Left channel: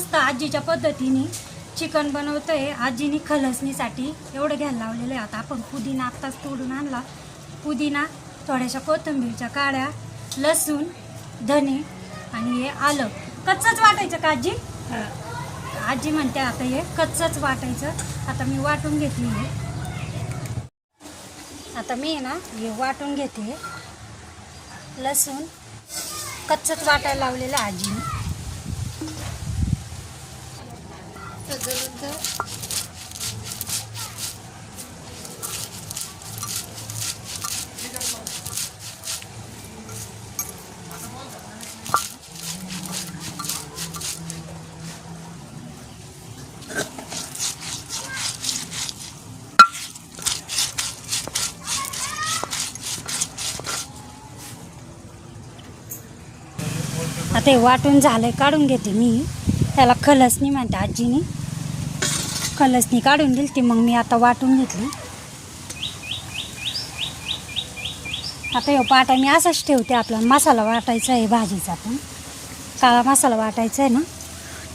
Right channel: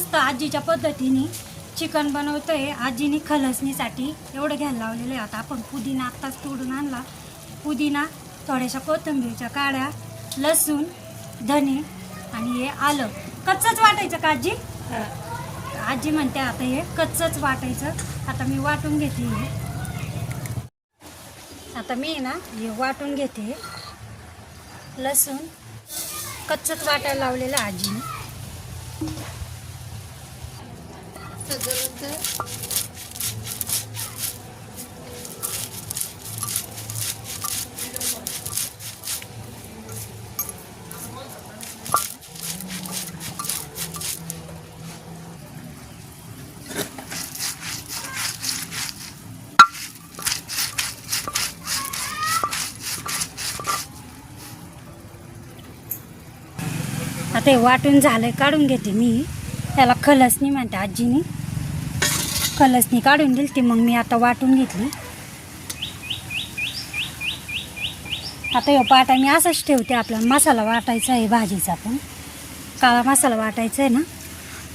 मस्त आजीच्या पद्धतीने चिकन बनवतोय। आजीने खलसणीसाठी एवढं घ्यायला लावलेलं आहे। आता आपण पुदिना आत्ताच तोडून आणला, पुदिना, थोड्याशा कोथिंबीरच्या काड्या, लसूण, धने आणि हे आलं कच्चंच वाटायचं का आजी? आजी म्हणते आता हे कच्चंच वाटायचं। आता मी वाटून घेते हे। आता मी ना हे वाटून घेते। लसूण कच्चंच वाटायला लावलेलं आजीने। आता हे वाटून झालंय, काढून घेते मी। त्याला खलसणी म्हणते आजीने। खलसणी काढून दिली ती, मग मी आता वाटून घेतली। आता हे पाटा मी असंच ठेवते। आपला मसाला वाटायचा आहे भाजीचा, पण काळा मसाला वाटायचा आहे ना,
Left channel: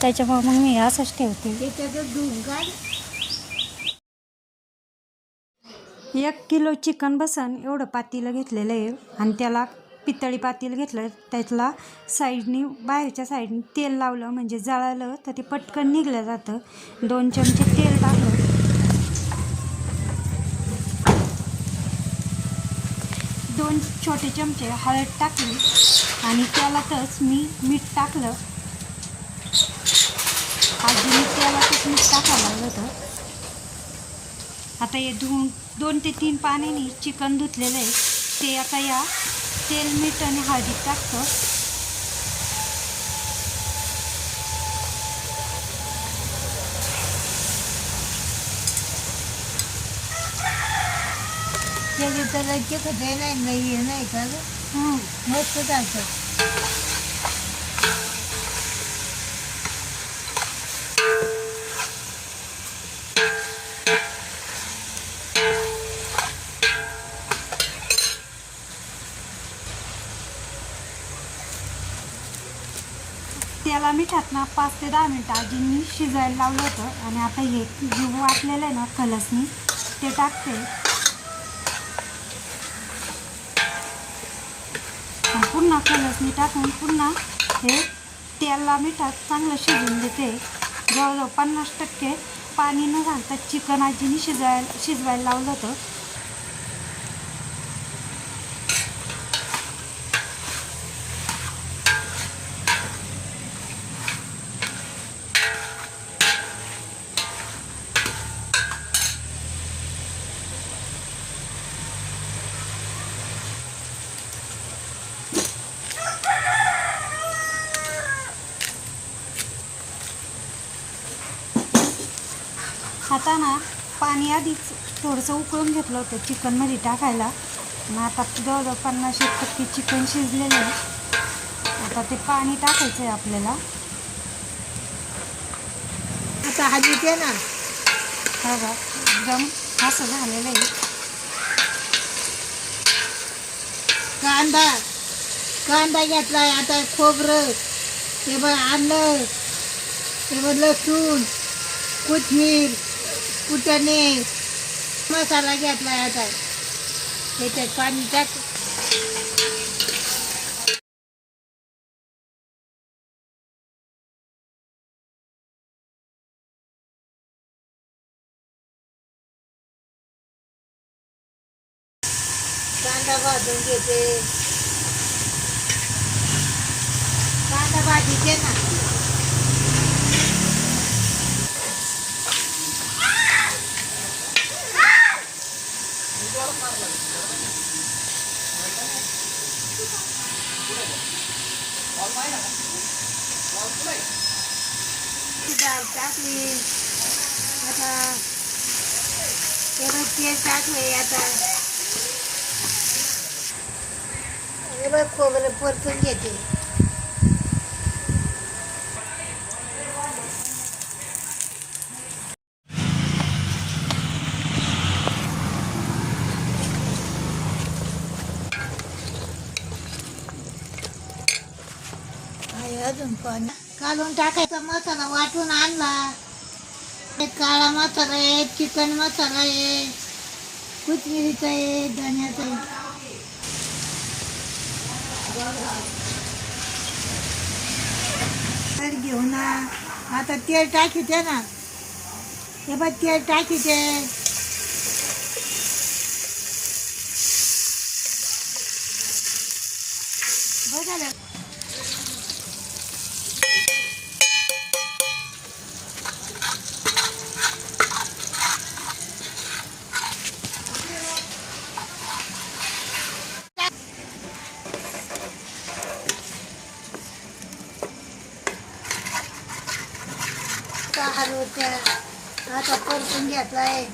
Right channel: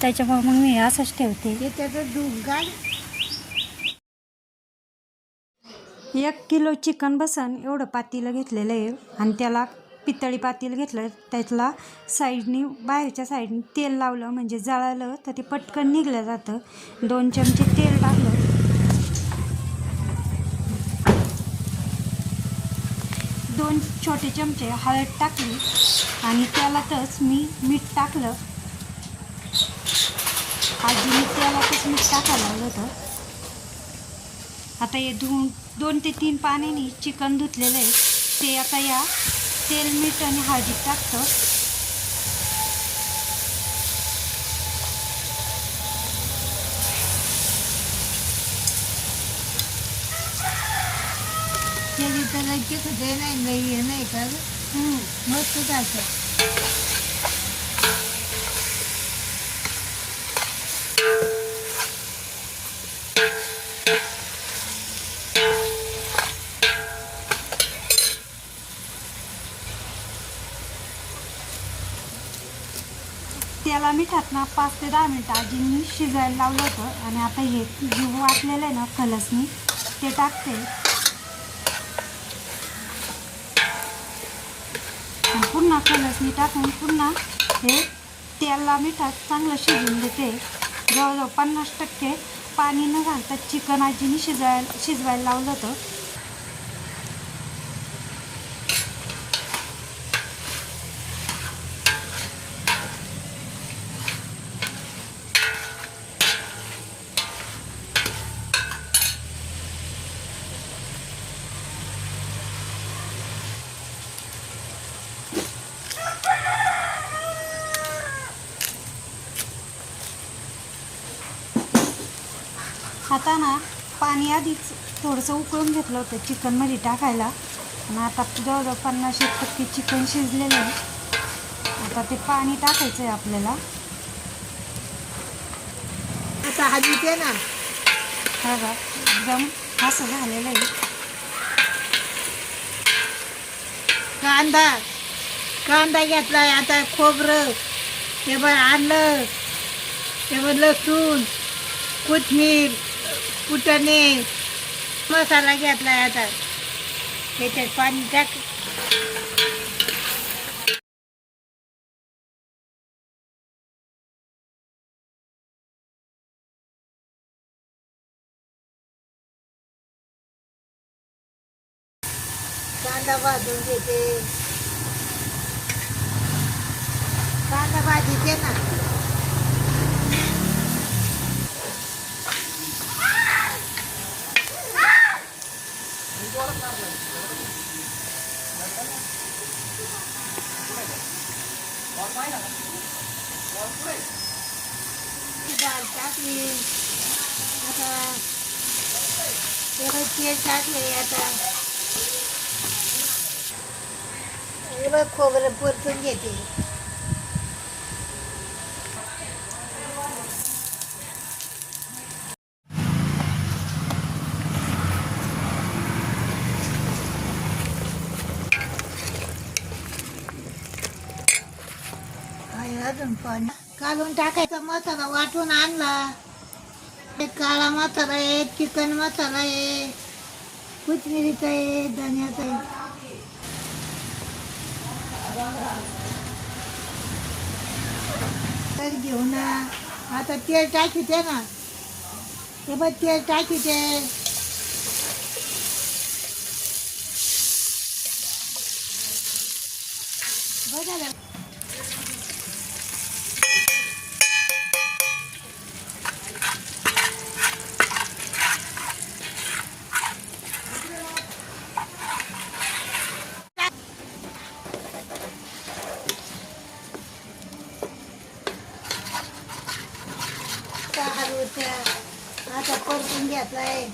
त्याच्यामुळे मग मी असंच ठेवते। 1 किलो चिकन बसन एवढं पातेलं घेतलेलं आहे आणि त्याला पितळी पातेलं घेतलं। त्यातला साईडनी बाहेरच्या साईडनी तेल लावलं, म्हणजे जळालं तर ते पटकन निघलं जातं। 2 चमचे तेल टाकलं, 2 छोटे चमचे हळद टाकली आणि त्यालाच मी मीठ टाकलं। आजीने त्यालाच मीठ टाकायला लावलं होतं। आता हे 2 ते 3 पाण्याने चिकन धुतलेलं आहे, ते आता या तेल, मीठ आणि हळदीत टाकतो। मस्त जायचं। त्याला मिठात ना 5 ते 10 मिनटं आजींनी शिजायला लावलं होतं। आणि आता हे जे वाटलेलं आहे ना खलसणी, ते टाकते आणि पुन्हा खलसणी टाकून पुन्हा हे तेला मिठात चांगलं शिजवून देते। जवळजवळ 50% पाणी न घालता चिकन आजीने शिजवायला लावलं होतं। आता ना पाणी आधीच थोडंसं उकळून घेतलं होतं चिकनमध्ये टाकायला, आणि आता जवळजवळ 50% चिकन शिजलेलं आहे। आता ते पाणी टाकायचं आहे आपल्याला। आता हळदीचे ना बघा एकदम असं झालेलं आहे। कांदा घेतलाय, आता खोबरं, हे बघ आलं, हे बघ लसूण, कोथिंबीर, फुटाणे, मसाला घेतलाय। आता त्याच्यात पाणी टाक। कांदा भाजून घेते। कांदा भाजीचे ना डाळ टाकली। आता तेल टाकले। आता हे बघ खोबरं परतून घेते। अजून पण घालून टाकायचा मसाला वाटून आणला. काळा मसाला आहे, चिकन मसाला आहे, कोथिंबीरीचा आहे, धण्याचा आहे. तर घेऊ ना. आता तेल टाकीते ना. हे बघ तेल टाकीते. बघा हलवत्या. आता परतून घ्यायचाय.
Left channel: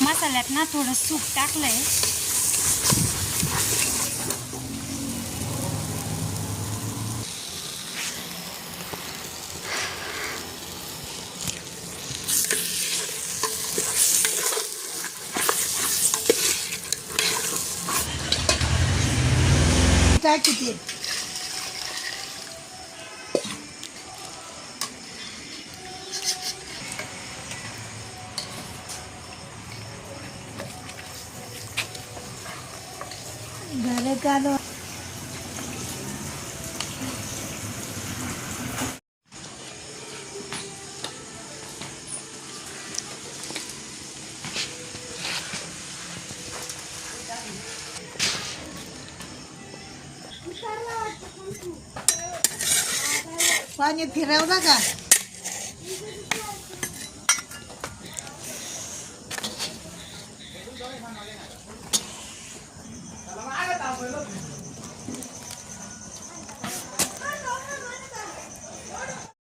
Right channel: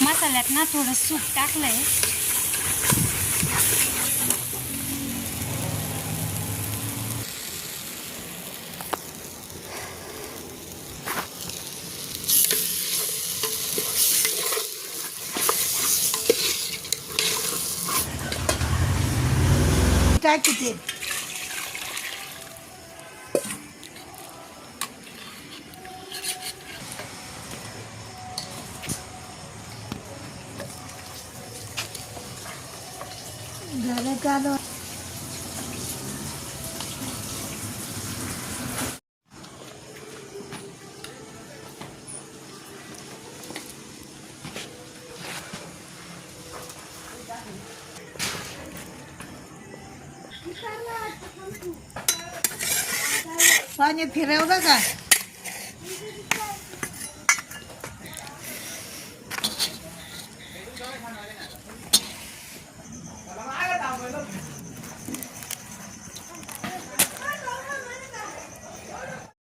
मसाल्यात ना थोडं सूप टाकलंय. टाकीते. झालं काढून. पाणी फिरव बघा.